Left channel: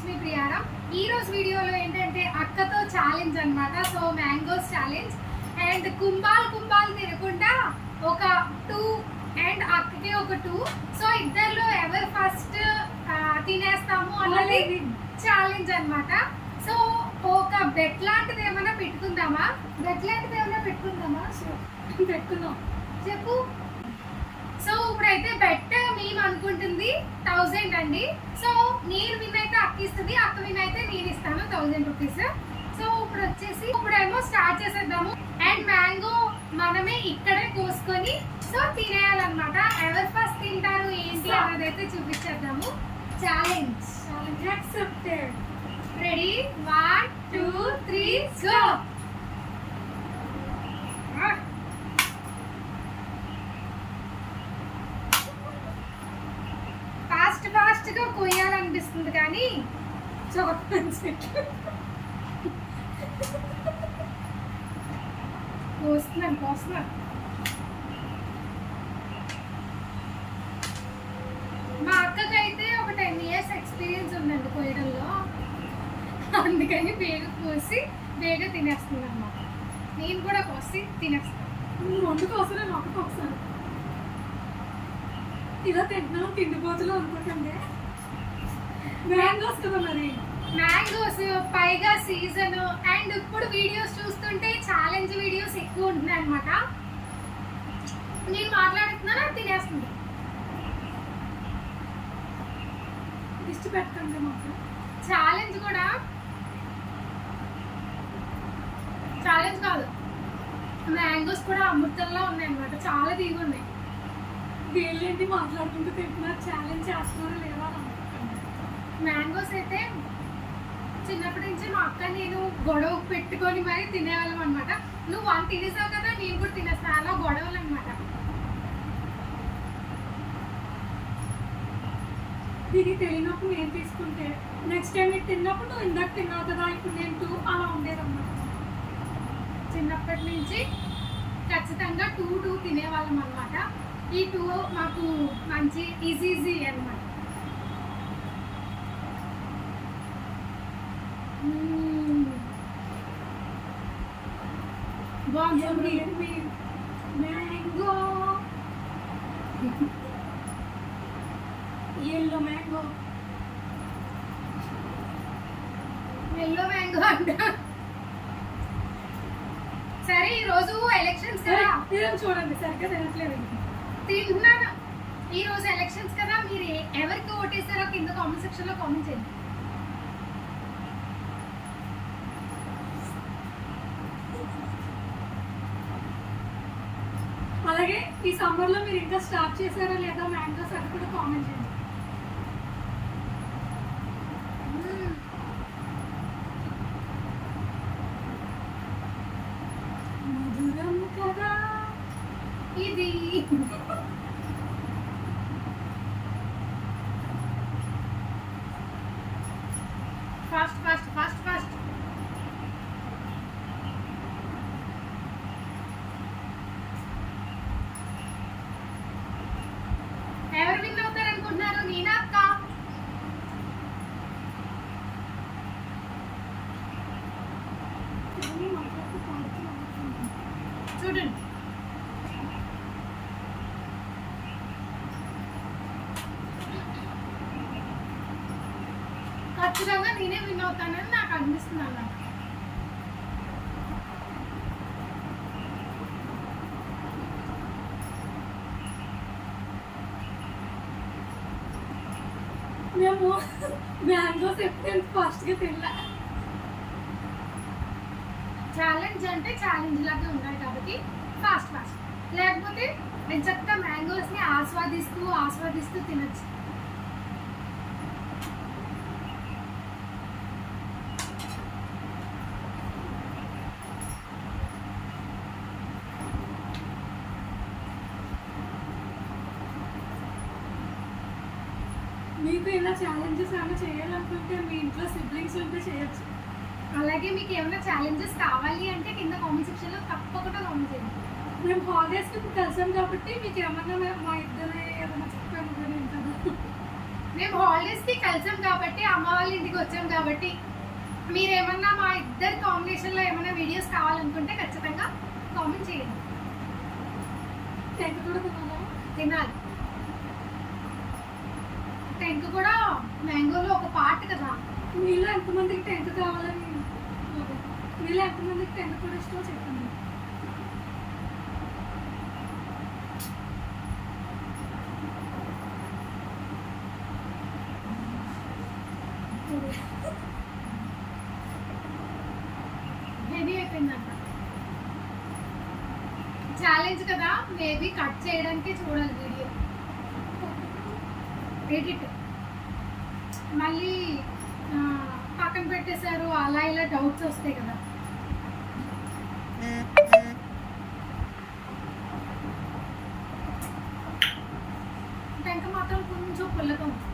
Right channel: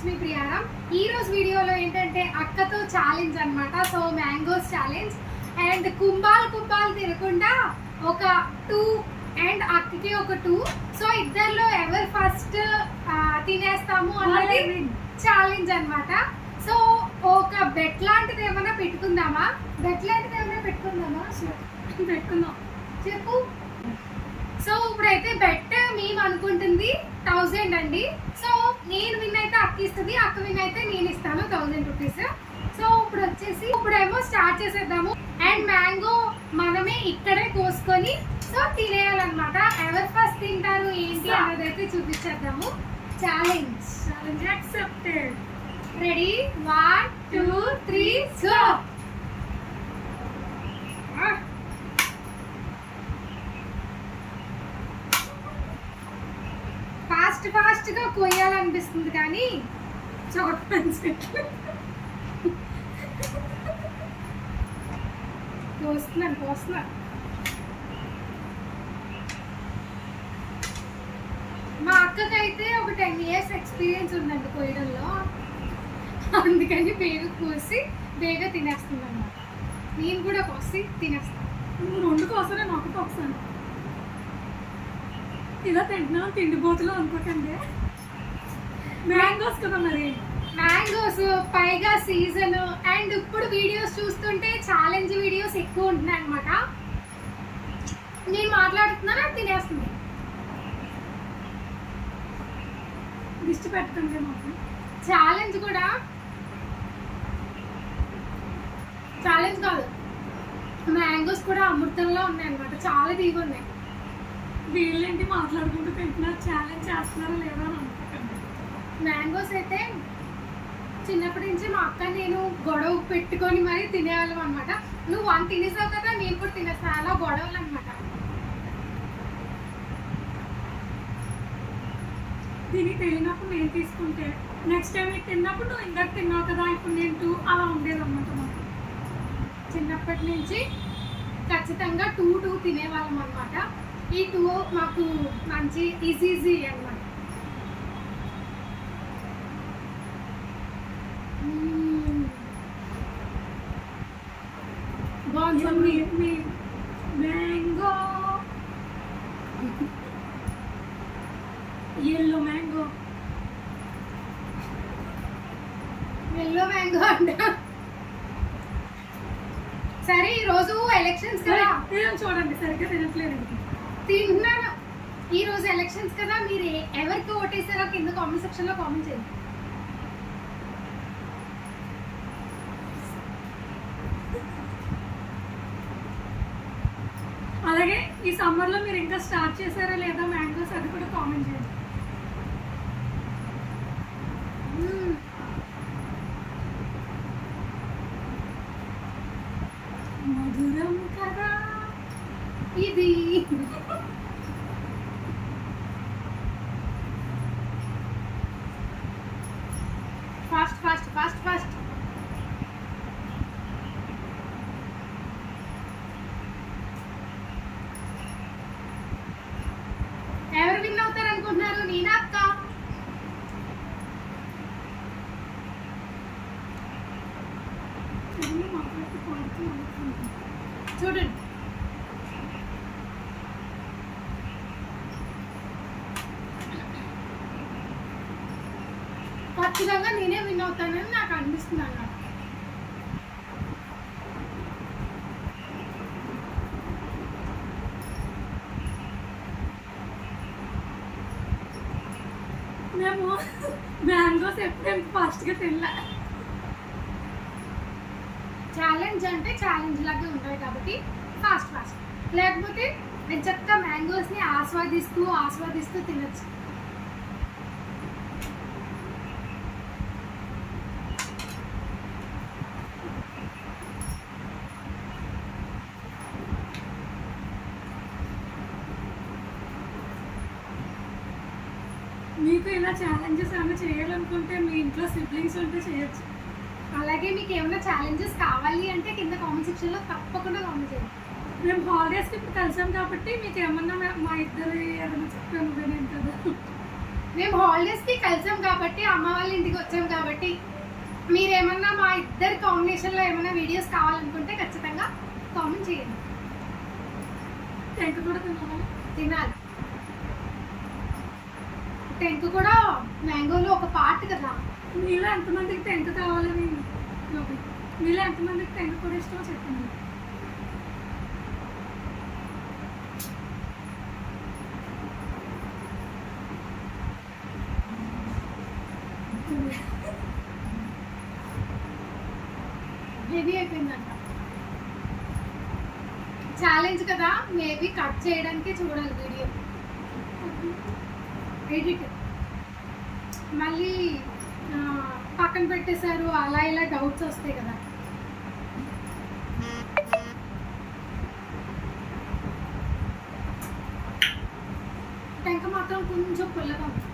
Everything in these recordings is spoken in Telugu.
It's me ప్రియారం. ఈ రోజు వీడియోలో ఏంటంటే అక్కతో ఛాలెంజ్ అన్నమాట. సో మ్యాంగోస్ ఛాలెంజ్ అండ్ కుంభాలు తినకుండా ఒక 2 అండ్ అక్కకి ఒక 2. సో ఇద్దరిలో ఎవరు ఫస్ట్ తినేస్తాము అన్నది ఛాలెంజ్ అన్నమాట. సో ఒక బెట్ లాంటిది ఏమైనా పెట్టుకుందామా? పెట్టుకుందాం చెప్పు. సో ఇప్పుడైతే బెట్ మేము అనుకుంటుంది 1000 అండి. సో నేను విన్ అయితే అక్క ఇస్తుంది, అక్క విన్ అయితే నేను ఇస్తాను 1000 రూపీస్. సో ఇప్పుడేమో స్టార్ట్ చేసేద్దాము. అండ్ మ్యాంగో మనమే ఇక్కడే కోసుకొని సో తినేయాలన్నమాట. ఎవరు ఫస్ట్ తింటారు ఏంటి అన్నది అయితే చూపించేద్దాము. Challenge accepted. Ready 1 2 3 go. Fast గా కొయ్యాలనిపిస్తుంది కానీ కోస్తున్నాను. మా అక్కకైతే ఒక 10 years ఎక్స్పీరియన్స్ ఉందండి కొయ్యడంలో, అందుకని బేగా తినేస్తుంది అన్నమాట. నేను కూడా కోసి తినేస్తాను. నువ్వు 2 కోసరా, నాకు ఒకసారి ఇలా తింటున్నావు తిండిపోతులు అనుకోకండి. మ్యాంగోస్ కదా, మరి మ్యాంగోస్ పైగా సీజన్. అండ్ ఇప్పుడు వీడియోస్ చూస్తుంటే ఛాలెంజ్ వీడియోస్ ఎక్కువ ఉంటున్నాయి అనమాట. నేను మాట్లాడుతున్నాను, అది తినేస్తుంది. దిష్టి పెట్టకండి మాకు. ఛాలెంజ్ కూడా ఛాలెంజ్ కాదు, మ్యాంగోస్ కూడా అమృతంలో ఉన్నాయి అనమాట. చాలా తీగ ఉన్నాయి. వీళ్ళేంటి మాట్లాడుకుంటూ తింటున్నారు, ఛాలెంజ్ చేస్తున్నారా లేదా అని అనుకోకండి. మ్యాంగోస్ అయితే చిన్నప్పటి నుంచి మా అక్క నేను గొడవ పెట్టుకొని మరీ తినేవాళ్ళం అనమాట. నువ్వు 1 తినేసావు కదా, నేను కూడా తినేస్తాను, అలా గొడవలు అనమాట. దీనికి తెలియనప్పుడు నేను తీసుకుంటే నెక్స్ట్ టైం ఇది తిన్నప్పుడు నువ్వు ఇందాక తిన్నావు కదా, ఇప్పుడు నేను 2 అలా ఉండేదన్నమాట. చిన్నప్పటి నుంచి ఖచ్చితంగా 2 తినేవాళ్ళం అనమాట. ఈ 2 మాకు మంచి ఈజీ అనమాట. బాగుంది మ్యాంగో, ఎల్లో మ్యాంగో అంట. సరే ఈరోజు ఎలక్షన్స్ కదా, చూడండి సరిగ్గా తినట్లేదు. తింటున్నాను. ఈ రోజు ఎలక్షన్స్ కదా, మీరు ఎవరికి ఓటేసారో కింద కామెంట్ సెక్షన్ లో కామెంట్ చేయండి. అలాగే ఈ సమ్మర్ లో మీరు ఇంకా స్టార్ట్ చేశారా లేదా మ్యాంగోస్, అది కూడా కామెంట్ చేయండి. మధురం కదా ఇది. ఫాస్ట్. ఎవరు విన్ అవుతారు అనుకుంటున్నారు? నేనా అక్క? చూడండి, ఖచ్చితంగా నేనే విన్ అవుతానని నాకు అనిపిస్తుంది అన్నమాట. మేము మ్యాంగోస్ ఎప్పుడైనా ఫాస్ట్గా తినలే. ఛాలెంజ్ అంటే ఛాలెంజ్ లాగా ఉంటాయి కాబట్టి ఫాస్ట్. లేకపోతే చక్కగా మ్యాంగోస్ని ఆస్వాదిస్తూ తినచ్చు. మీకు ఇలా ఛాలెంజెస్ ఏమైనా చేయాలనుకుంటే మీ ఇంట్లో సిబ్లింగ్స్ ఉంటే చేయొచ్చు. అలాగే మీకు ఏమైనా ఛాలెంజెస్ కావాలి అంటే కింద కామెంట్ సెక్షన్ లో తప్పకుండా కామెంట్ చేయండి. మేము హాలిడేస్కి ఇప్పుడు కలిసాం కాబట్టి మీకు ఏమన్నా మా ఇద్దరు ఏమైనా చెప్పాను కదా. మేము హాలిడేస్కి కలిసాం కాబట్టి అమ్మ వాళ్ళ ఇంటికి వచ్చాం కాబట్టి మీరేమన్నా మా ఇద్దరి కాంబినేషన్లో ఏమైనా వీడియోస్ కావాలనుకుంటే ఖచ్చితంగా కామెంట్ చేయండి. టెంక్ కూడా తిన్నాము. తినాలి. టెంక్ కూడా మ్యాంగోలో ఒక పార్ట్ కదా. మీలో ఎంతమందికి టెంక్ కావాలని, మీలో ఎంతమందికి టెంక్ కూడా ఇష్టమో చెప్పండి. హెవీ అయిపోయిందంట. ఛాలెంజ్ కదా, మేబీ కట్ చేయడానికి చూడాలి వీడియో ఎడిట్. మళ్ళీ పక్కన పెట్టేశారు అలా ఇలా డౌట్స్ వస్తాయి కదా. టెంక మాత్రం కొంచెం పుల్లగా ఉంది.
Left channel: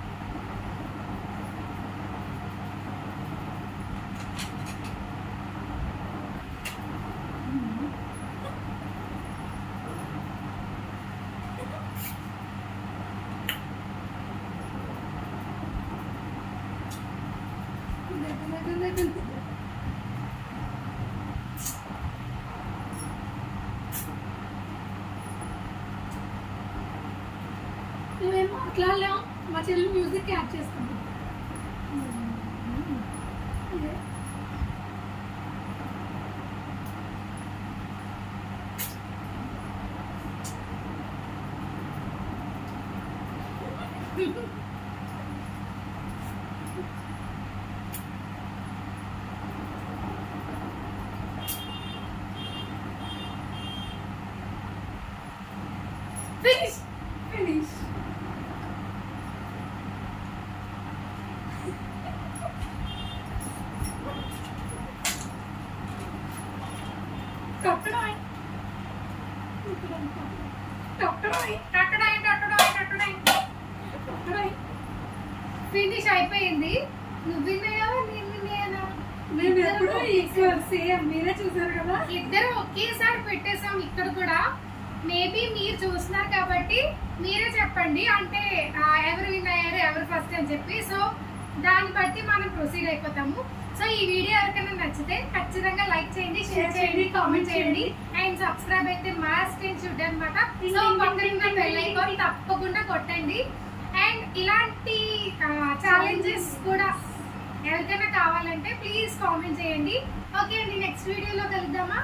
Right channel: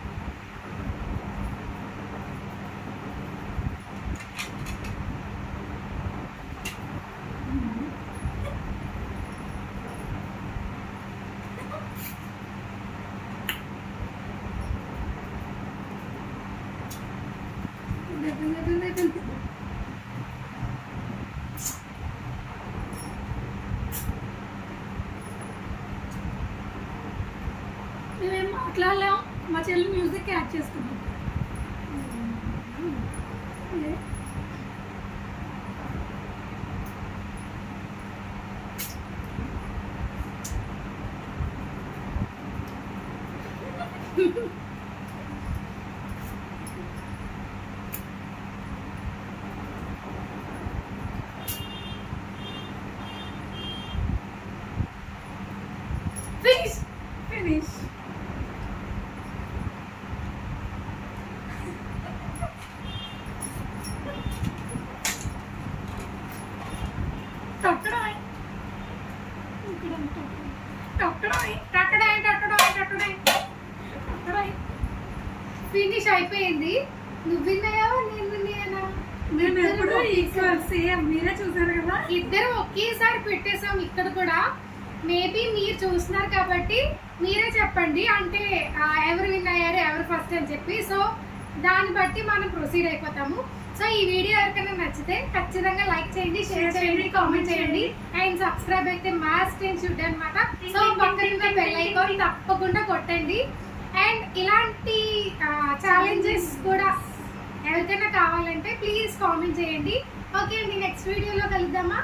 మేమేం మాట్లాడలేం, మా చెల్లి మ్యూజిక్ యాడ్ చేస్తుంది. ఫినిష్. ఫినిష్. ఫినిష్ అయిపోయింది. నువ్వు విన్నాయా నేను విన్నాయనా? మేము ఎప్పుడు ఈక్వల్ సేమ్, మీరే చూసారు కదా. ఇద్దరు ఒకేసారి పెట్టేసాం. ఇక్కడ కూడా మేబీ మీరు చూస్తున్నారు కాబట్టి మీరే చెప్పండి, అంటే ఎవరు విన్ అయ్యారు ఎవరు ఫస్ట్ అని చెప్పి. సో దాన్ని బట్టి మనం ప్రొసీడ్ అయిపోతాము. సో ఈ వీడియో ఎవరికైనా నచ్చితే ఖచ్చితంగా లైక్ చేయండి, షేర్ చేయండి, కామెంట్ చేయండి అండ్ సబ్స్క్రైబ్ అయితే మస్ట్ అండ్ షుడ్ అనమాట. సో పక్కన బెల్ ఐకాన్ తప్పకుండా కొట్టండి. అండ్ ఇలాంటి ఛాలెంజెస్ కూడా ఎవరికైనా కావాలంటే ప్లీజ్ కామెంట్ చేయండి. ఓకే అండి, నెక్స్ట్ వీడియోలో కలుద్దామా.